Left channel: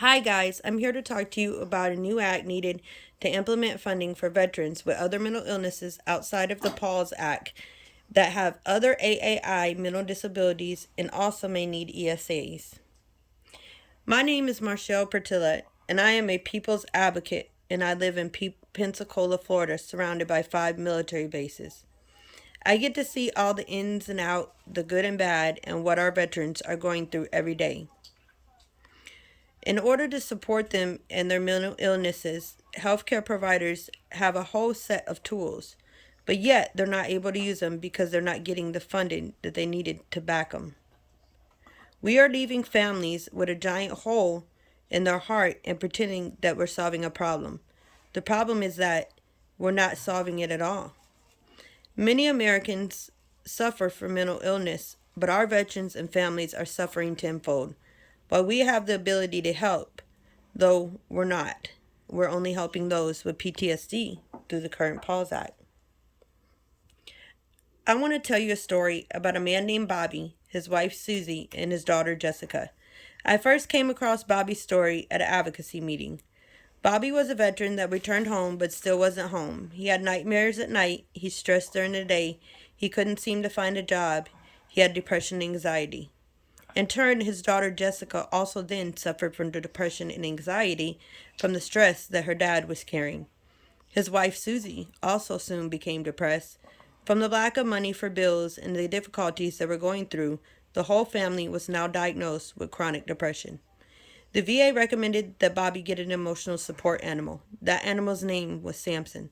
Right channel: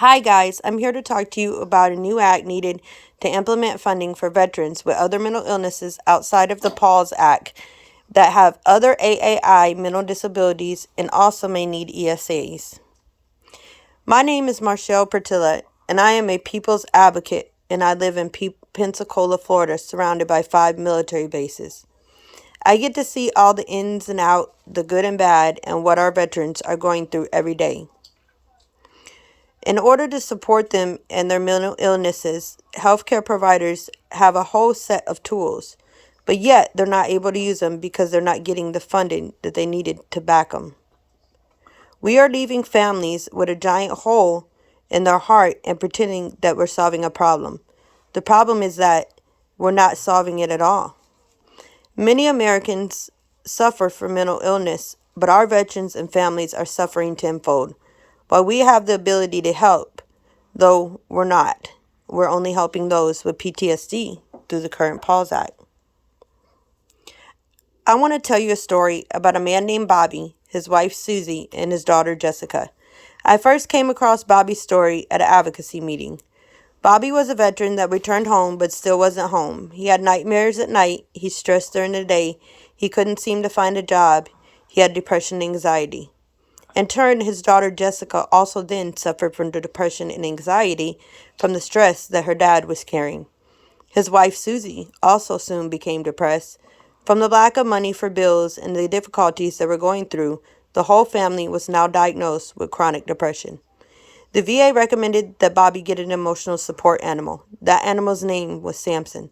Hi, guys. I'm here to talk to you about a new act needed to implement funding for veterans with other mental illnesses outside of the PAWS Act that have other AAI mental disabilities and also may need ESAs. My name is Marshall Pertilla, and I am a people's advocate, and I live in Pensacola, Florida, surrounded by 5 military bases. I get to see all the ins and outs, the good and bad, and what our veterans are going through every day. In order to support them and their mental illnesses, healthcare providers have a whole set of tools, but yet they're not able to use them because they're not getting the funding that they needed to back them. We are leaving families with a giant hole in their heart and pretending that we're solving a problem. The problem is that we're not solving it at all. Many Americans suffer from mental illness, but our veterans and families are suffering tenfold. While we have the ability to help, though we're not. We're only helping those with PTSD through the current PAWS Act. I want to tell you a story about a man named Bobby, his wife Susie, and his daughter Jessica. I first came across Bobby's story at an advocacy meeting. Bobby was a veteran that returned home but still wasn't home. He had nightmares at night, he stressed during the day, he couldn't seem to find a job, he had depression and anxiety. In turn, his daughter Jessica also then suffered from the depression and anxiety from the stress that her dad was carrying. His wife Susie also soon became depressed. From the lack of money for bills and the difficulties they were going through, the whole family was now diagnosed with chronic depression. The VA recommended that Bobby get an emotional support animal. That animal's name was Samson.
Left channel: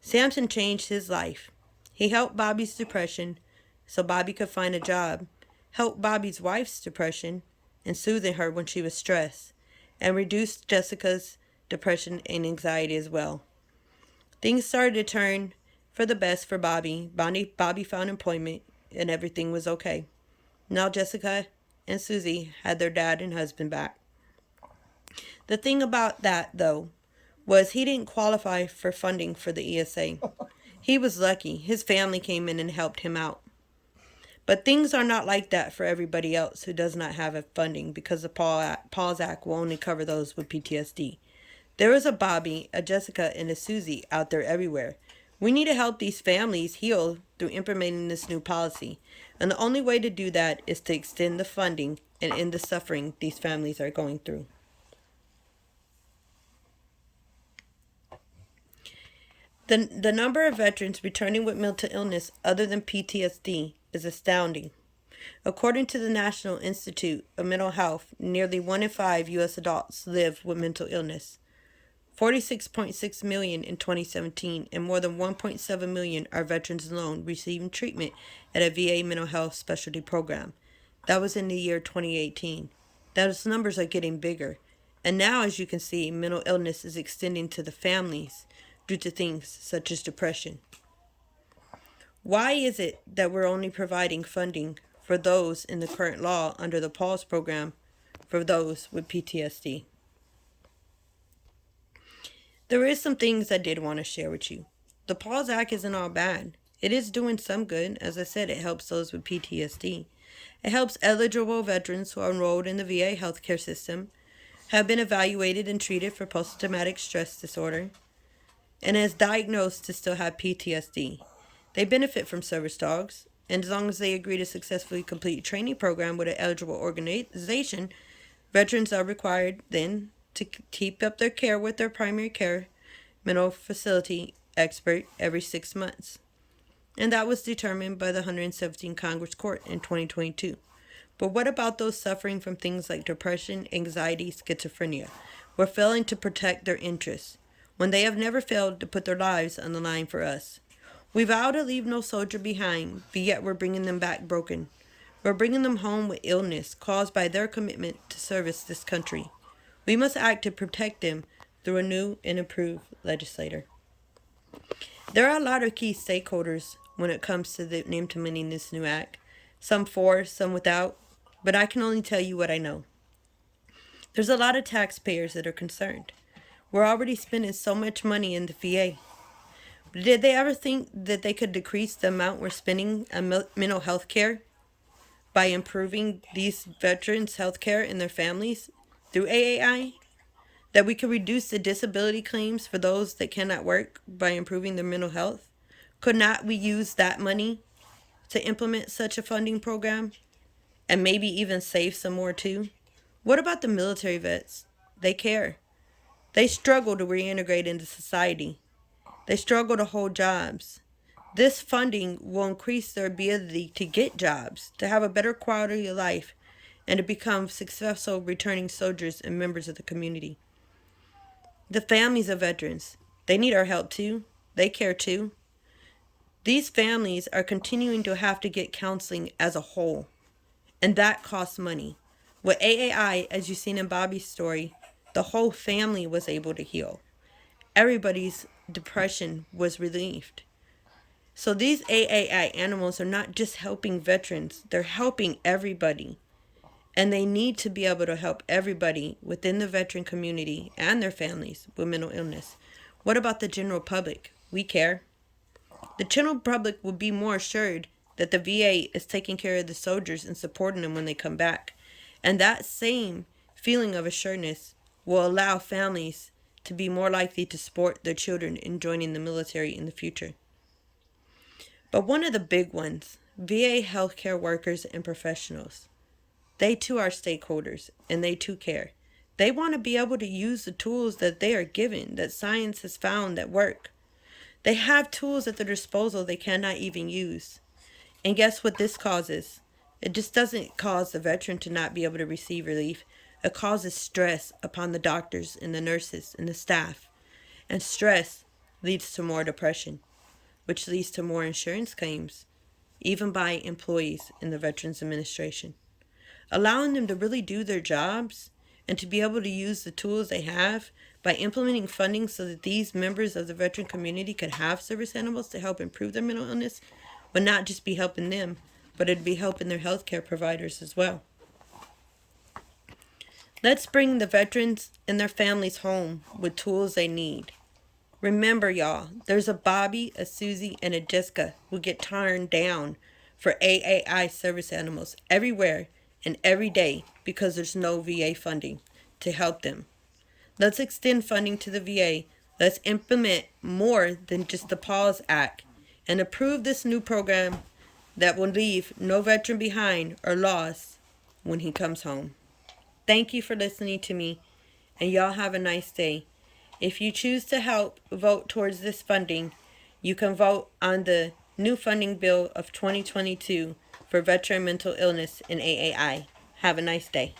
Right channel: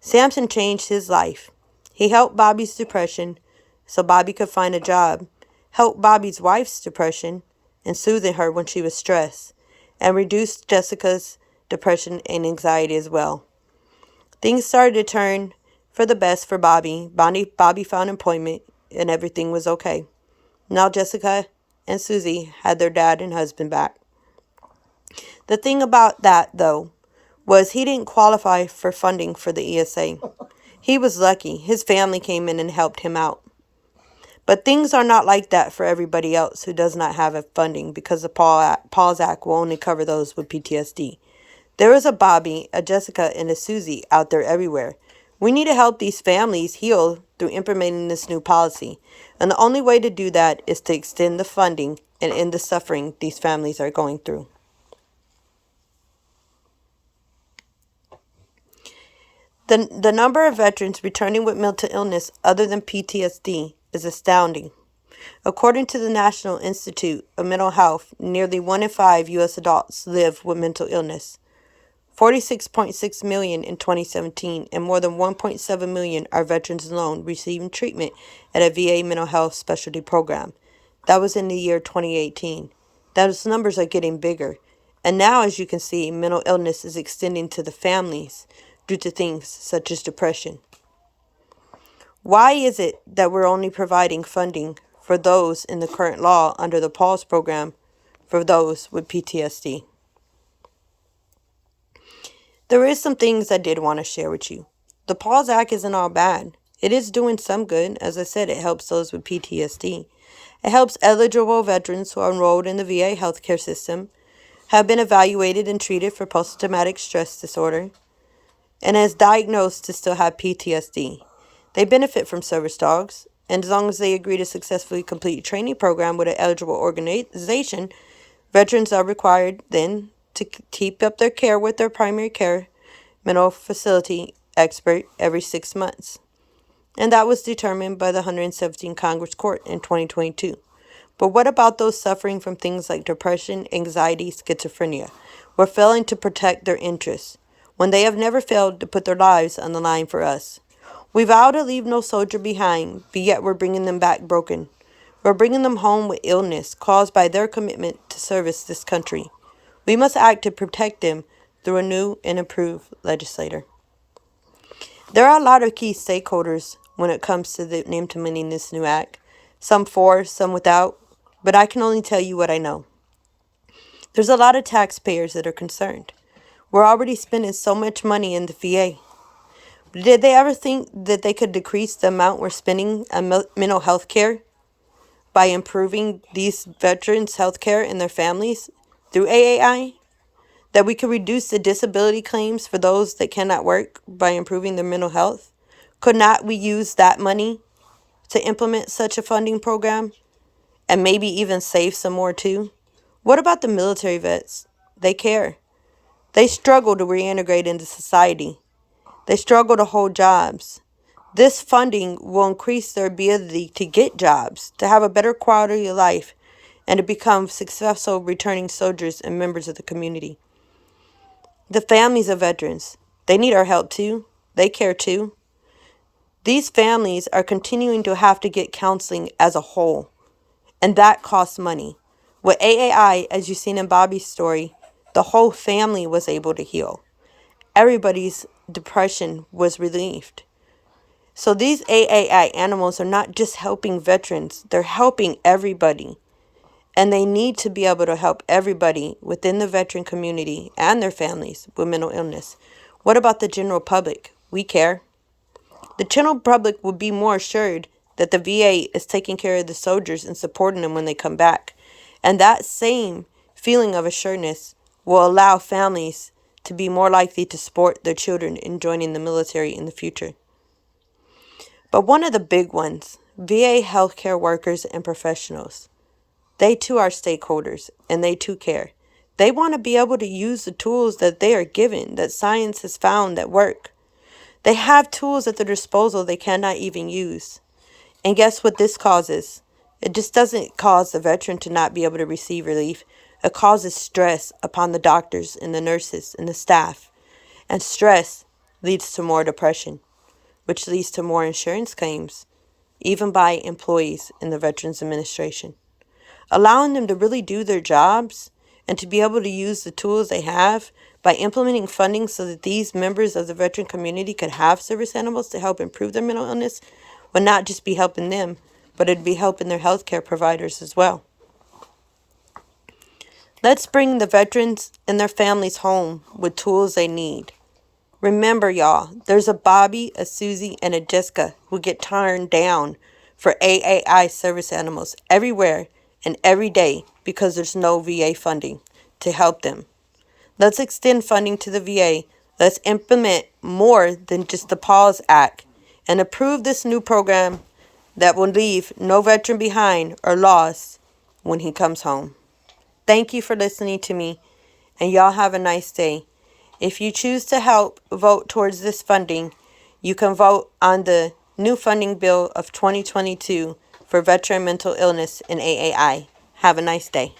Samson changed his life. He helped Bobby's depression so Bobby could find a job, helped Bobby's wife's depression and soothing her when she was stressed, and reduced Jessica's depression and anxiety as well. Things started to turn for the best for Bobby. Bobby found employment and everything was okay. Now Jessica and Susie had their dad and husband back. The thing about that, though, was he didn't qualify for funding for the ESA. He was lucky. His family came in and helped him out. But things are not like that for everybody else who does not have funding because the PAWS Act will only cover those with PTSD. There is a Bobby, a Jessica, and a Susie out there everywhere. We need to help these families heal through implementing this new policy. And the only way to do that is to extend the funding and end the suffering these families are going through. The number of veterans returning with mental illness other than PTSD is astounding. According to the National Institute of Mental Health, nearly 1 in 5 U.S. adults live with mental illness. 46.6 million in 2017, and more than 1.7 million are veterans alone receiving treatment at a VA mental health specialty program. That was in the year 2018. Those numbers are getting bigger. And now, as you can see, mental illness is extending to the families due to things such as depression. Why is it that we're only providing funding for those in the current law under the PAWS program for those with PTSD? There is some things I did want to share with you. The PAWS Act isn't all bad. It is doing some good. As I said, it helps those with PTSD. It helps eligible veterans who are enrolled in the VA healthcare system, have been evaluated and treated for post-traumatic stress disorder, and is diagnosed to still have PTSD. They benefit from service dogs, and as long as they agree to successfully complete a training program with an eligible organization, veterans are required then to keep up their care with their primary care mental facility expert every 6 months. And that was determined by the 117th Congress Court in 2022. But what about those suffering from things like depression, anxiety, schizophrenia? We're failing to protect their interests when they have never failed to put their lives on the line for us. We vow to leave no soldier behind, but yet we're bringing them back broken. We're bringing them home with illness caused by their commitment to service this country. We must act to protect them through a new and improved legislator. There are a lot of key stakeholders when it comes to implementing this new act. Some for, some without, but I can only tell you what I know. There's a lot of taxpayers that are concerned. We're already spending so much money in the VA. Did they ever think that they could decrease the amount we're spending on mental health care by improving these veterans' health care and their families through AAI? That we could reduce the disability claims for those that cannot work by improving their mental health? Could not we use that money to implement such a funding program and maybe even save some more too? What about the military vets? They care. They struggle to reintegrate into society. They struggle to hold jobs. This funding will increase their ability to get jobs, to have a better quality of life, and to become successful returning soldiers and members of the community. The families of veterans, they need our help too. They care too. These families are continuing to have to get counseling as a whole, and that costs money. With AAI, as you've seen in Bobby's story, the whole family was able to heal. Everybody's depression was relieved. So these AAI animals are not just helping veterans, they're helping everybody. And they need to be able to help everybody within the veteran community and their families with mental illness. What about the general public? We care. The general public will be more assured that the VA is taking care of the soldiers and supporting them when they come back. And that same feeling of assuredness will allow families to be more likely to support their children in joining the military in the future. But one of the big ones, VA healthcare workers and professionals, they too are stakeholders and they too care. They want to be able to use the tools that they are given, that science has found that work. They have tools at their disposal they cannot even use. And guess what this causes? It just doesn't cause the veteran to not be able to receive relief. It causes stress upon the doctors and the nurses and the staff. And stress leads to more depression, which leads to more insurance claims, even by employees in the Veterans Administration. Allowing them to really do their jobs and to be able to use the tools they have by implementing funding so that these members of the veteran community could have service animals to help improve their mental illness would not just be helping them, but it'd be helping their healthcare providers as well. Let's bring the veterans and their families home with tools they need. Remember, y'all, there's a Bobby, a Susie, and a Jessica who get turned down for AAI service animals everywhere and every day because there's no VA funding to help them. Let's extend funding to the VA. Let's implement more than just the PAWS Act and approve this new program that will leave no veteran behind or lost when he comes home. Thank you for listening to me, and y'all have a nice day. If you choose to help vote towards this funding, you can vote on the new funding bill of 2022 for veteran mental illness and AAI. Have a nice day.